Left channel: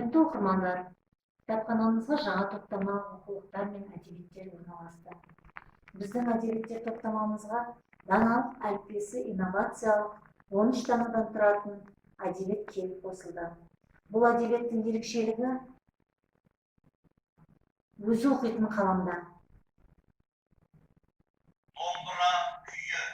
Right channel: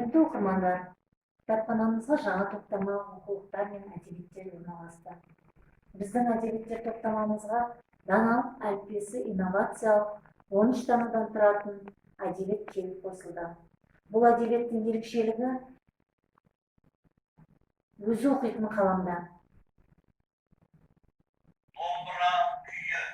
Құрметті оқырмандар, кітапханамызға жаңа топтама оқулықтар мен әдебиеттер орналасты. Біздің әдебиеттер топтамамызға даналық әліппесі инновациялық 13 данадан тұратын әдебиет келіп қосылды. Бұл әдебиеттің ерекшелігі өзі оқитын қаламда. Домбыра күйі.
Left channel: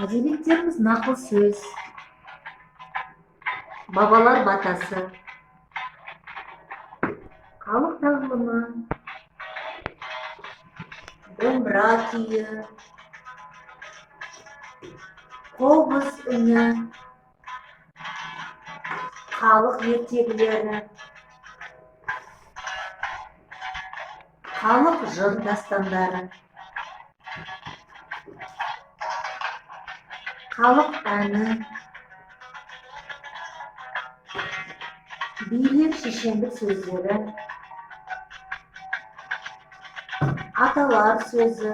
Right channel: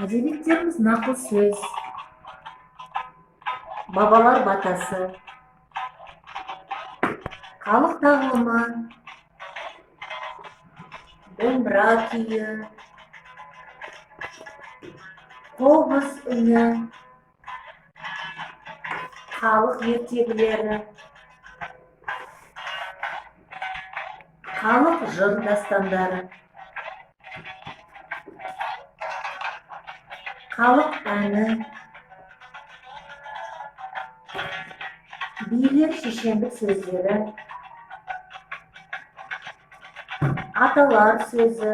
Әдебиеттеріміз нақыл сөз, бабалар батасы, халық тағылымы, домбыра күйі, қобыз үні, халық ертегілері, халық жыр дастандары, халық әні, билер шешендік сөздері, аталар сөзі,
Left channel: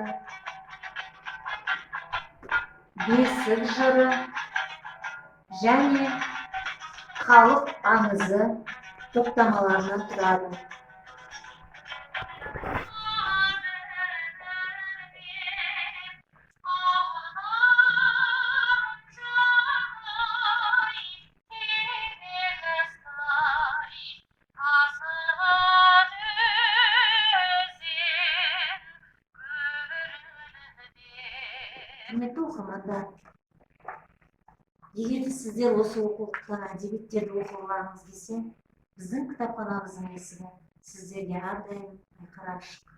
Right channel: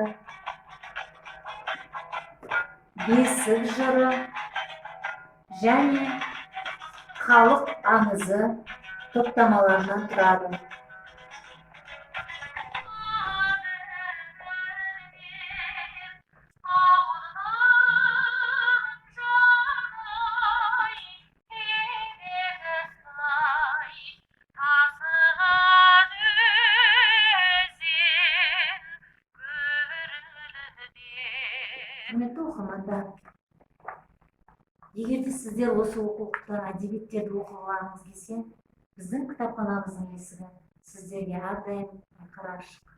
бесік жыры және халық аңызы топтамаларынан тұрады. Құрметті оқырмандар, егер де сіздер осы оқулықтан әдебиеттерді оқығыңыз келсе, біздің кітапханамыздың есігі сіздерге әрдайым айқара ашық.